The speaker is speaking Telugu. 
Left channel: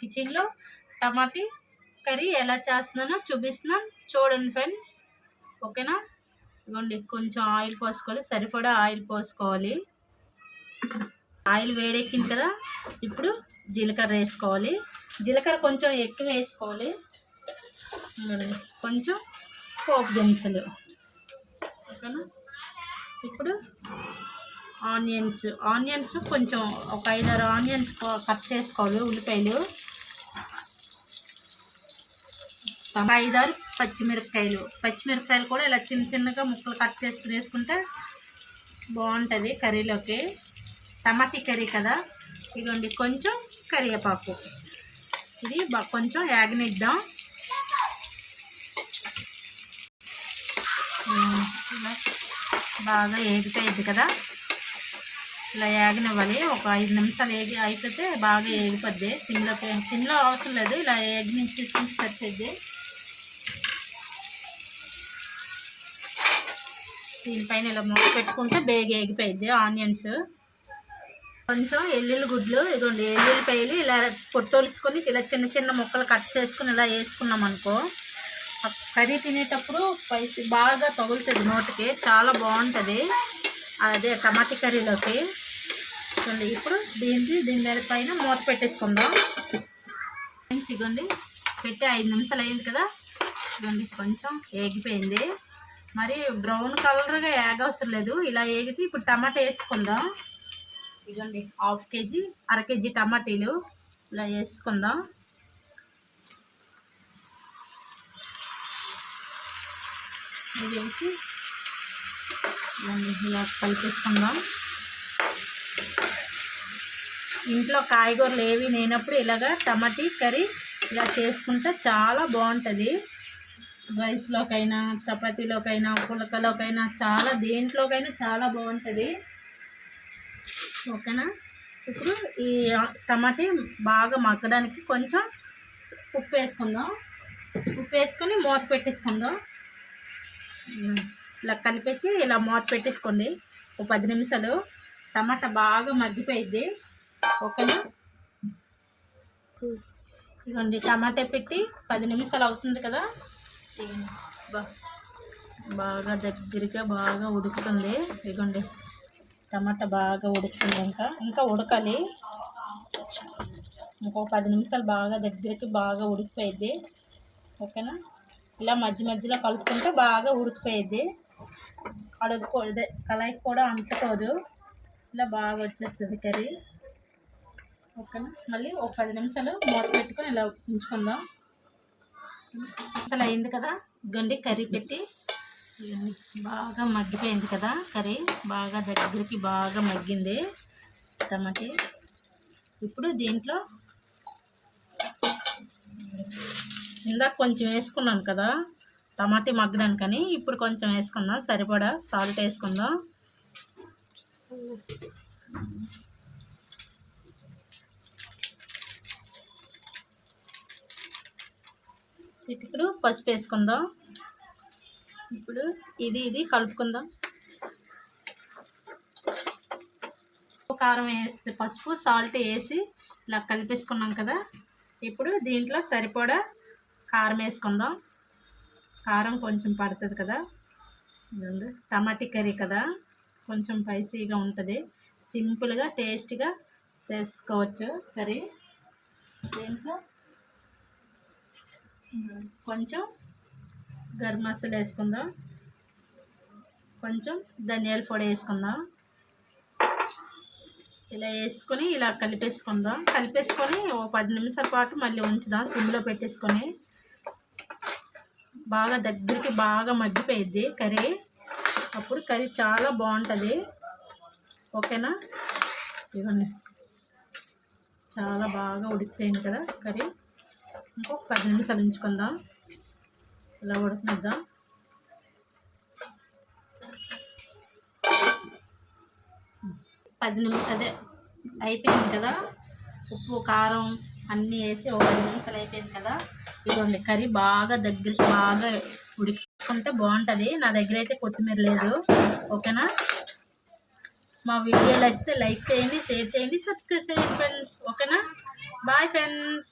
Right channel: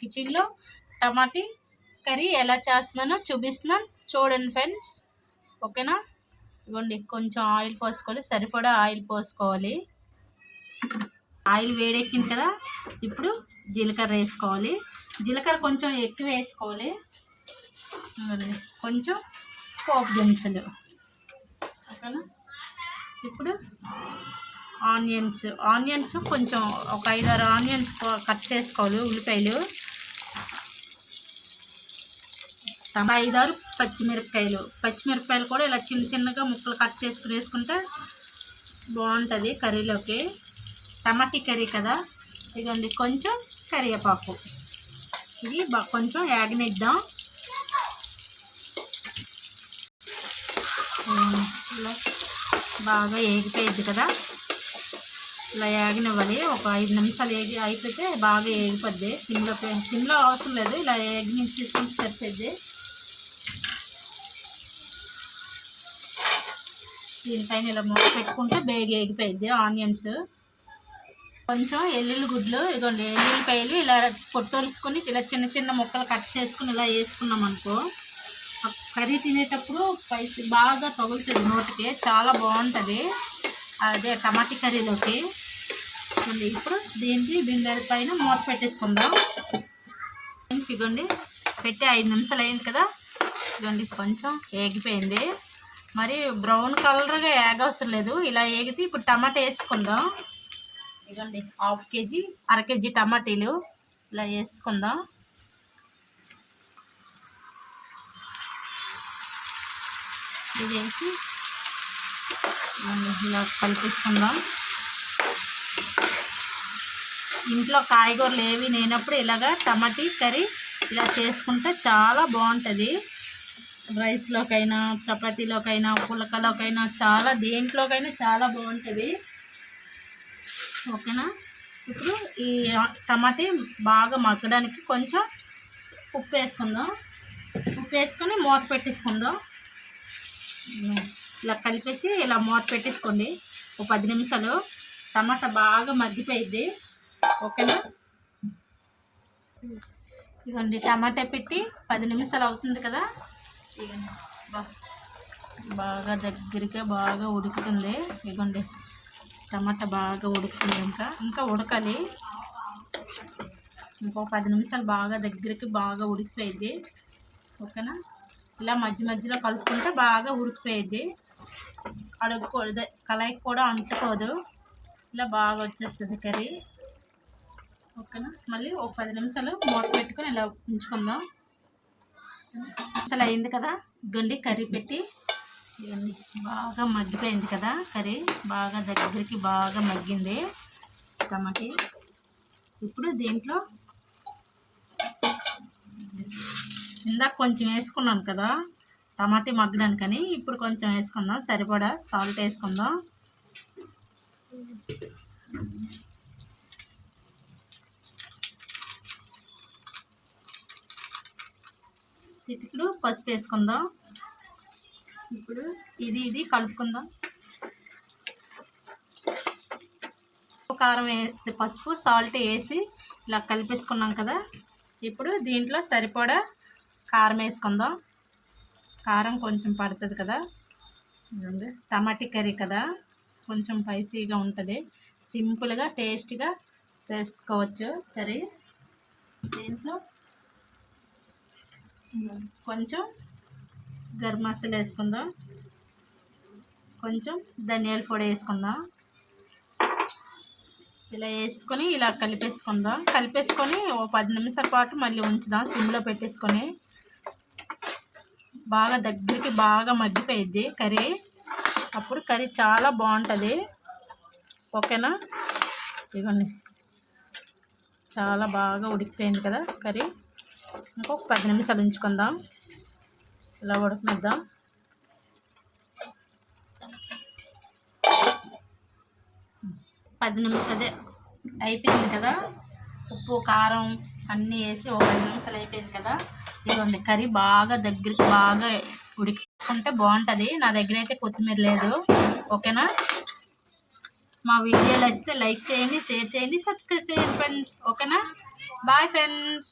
కిచెన్లో టమాటీ కర్రీ ఎలా చేస్తున్నానో చూపిస్తున్నాను, చూడండి ఫ్రెండ్స్. ఓకేనా? ఇదిగోండి, కొంచెం ఆయిల్ పోసుకోవాలి, సరిపడా ఆయిల్ పోసుకోవాలి. ఆయిల్ వేడెక్కింది కదా, ఇప్పుడు జీలకర్ర వేసుకోవాలి. జీలకర్ర కొంచెం ఎక్కువ వేసుకోవాలి. కొంచెం పోపు దినుసులు. ఓకేనా? ఇప్పుడు ఆనియన్స్ కొంచెం ఒక 5-6 ఆనియన్స్ కట్ చేసుకోవాలి. ఉల్లిపాయలు 5-6 పచ్చిమిరపకాయలు కూడా ఇలా చిన్న చిన్నగా ముక్కలు కట్ చేసుకుని వేసుకుంటే బాగుంటుంది కర్రీలోకి. టమాటీ కర్రీ కదా. ఇదిగోండి, కొంచెం కరివేపాకు. ఇది కొంచెం యాగనిద్దాం. ఇలా బాగా ఏగిపోయింది కదా, ఇలా ఏగనివ్వాలి. ఒక 5 నిమిషాలు అయిపోతే బాగా ఏగిపోద్ది. సిమ్లో అవసరం లేదు, ఇలా ఏగిని తీసుకుంటే సరిపోద్ది. దీనిపైన ఇలా మూత పెట్టుకుంటే బేగ ఏగిపోయింది ఆనియన్స్. కొంచెం ఎల్లుల్లి గుడ్లు, ఇదిగోండి ఎల్లుల్లిపాయలు ఇలా పొట్టోలుసుకొని ఇలా చిన్న చిన్న ముక్కలు కట్ చేసుకుని ఇలా వేసుకున్నాం అనుకో, కర్రీ తినేటప్పుడు స్పైసీ బాగా తగులుతుంది నోటికి, చాలా బాగుంటుంది. అదే టమాటీ కర్రీలోకి. ఇప్పుడు దీని పైన మూత పెట్టేసుకుందాం. ఇదిగోండి, పెట్టి 5 నిమిషాలు అయింది కదా. ఇదిగోండి, కొంచెం ఏగిపోయింది. మరి బ్రౌన్ కలర్గా ఏగవసరం లేదు, ఇలా ఏగితే ఇప్పుడు టమాటా వేసుకుందాం. ఇదిగోండి, 1/2 కేజీ 1/2 కేజీ టమాటీలు ఇలా వేసుకుందాం. ఇది వేసి ఇలా కలిపేసుకుందాం. ఇంట్లో కాయగూరలు ఏవి లేనప్పుడు ఇలాగా టమాటీ కర్రీ ఇలా చేసుకుంటే చాలా బాగుంటుంది. రైస్లోకైనా, చపాతీలోకైనా, పులకలోకైనా, చాలా దేంట్లోకైనా చాలా బాగుంటుంది. ఓకేనా? ఇప్పుడు ఈ టమాటీ బాగా మగ్గడానికి కొంచెం ఉప్పు వేసుకుందాం. ఉప్పు వేసుకొని మూత పెట్టేసుకుందాం. ఇలా కలిపేసి ఇలా మూత పెట్టేసుకోండి. ఒక 10 నిమిషాలు టమాటా బాగా మగ్గిపోయిద్ది. ఓకేనా? ఇదిగోండి, టమాటా పెట్టి 10 నిమిషాలు అవుతుంది కదా. బాగా దగ్గరగా బాగా ఉడుకుతుంది. ఇదిగోండి, టమాటా బాగా ఉడుకుతుంది. ఇంకా ఉడకాలి. ఇంకో 10 నిమిషాలు బాగా దగ్గరికి బాగా ఉడికిపోయిద్ది. ఓకేనా? ఇలా మధ్యలో కలుపుకుంటే బాగా ఉడికిపోయిద్ది. అడుగుకోదు, కళాయికి కూడా అంటుకోదు. ఇలా బాగా వచ్చేస్తుంది కర్రీ. ఓకేనా? మళ్ళీ ఒక 10 నిమిషాలు మూత పెట్టుకొని ఇలా ఉంచుకుందాం. అసలు అయింది కదా. గండి కర్రీ పెట్టి బాగా మగ్గిపోయింది కదా. కర్రీ బాగా దగ్గరికి బాగా మగ్గింది టమాటీ. ఇప్పుడు దీంట్లో ఇందాక కొంచెం వేసుకున్నాను కదా టమాటీ మగ్గడానికని, ఇప్పుడు కొంచెం వేసుకుందాం. సరిపడా సాల్ట్ వేసుకుందాం. చిటికెడు పసుపు వేసుకుందాం. ఇప్పుడు ఇది కలుపుకుందాం. కారం పసుపు సాల్ట్ వేసి ఇలా కలిపేసుకున్నాం కదా. ఇప్పుడు దీంట్లో సరిపడా కారం వేసుకుందాం. కారం కొంచెం పడుతుంది కదా. టమాటీ కర్రీ కదా, కొంచెం స్పైసీగా ఉంటుంది. సింపుల్గా టేస్ట్గా చేసుకోవచ్చు కర్రీ. దీంట్లో కొంచెం గరం మసాలా వేసుకుందాం. కొంచెం ధనియాల పొడి వేసుకుందాం. ఇలా వేసుకొని ఇలా కలిపేసుకొని ఓ 10 నిమిషాల పాటు మళ్ళీ ఉంచుదాం సిమ్లో పెట్టేసుకొని. బాగా దగ్గరికి బాగా మగ్గిపోయిద్ది కర్రీ. అప్పుడు కర్రీ చాలా బాగుంటుంది. ఓకేనా? ఇవ్వండి, చాలా బాగా ఉడికిపోయింది కదా కర్రీ. ఇంకొక 10 నిమిషాలు ఉంచుకుందాం. ఇలా ఉడకనిద్దాం. అదే అయిపోయింది కదా. ఉప్పు కారం అన్నీ వేసి ఒక 10 నిమిషాలు అయిపోయింది కదా. ఇదిగోండి, కర్రీ బాగా దగ్గరికి బాగా ఉడికించుకుంటే బాగుంటుంది. నా దగ్గర అయితే కొత్తిమీర లేదు. ఓకేనా? మా వీడియోలు నచ్చితే లైక్ చేయండి, షేర్ చేయండి, సబ్స్క్రైబ్ చేయండి ఫ్రెండ్స్. ఓకేనా? Bye friends.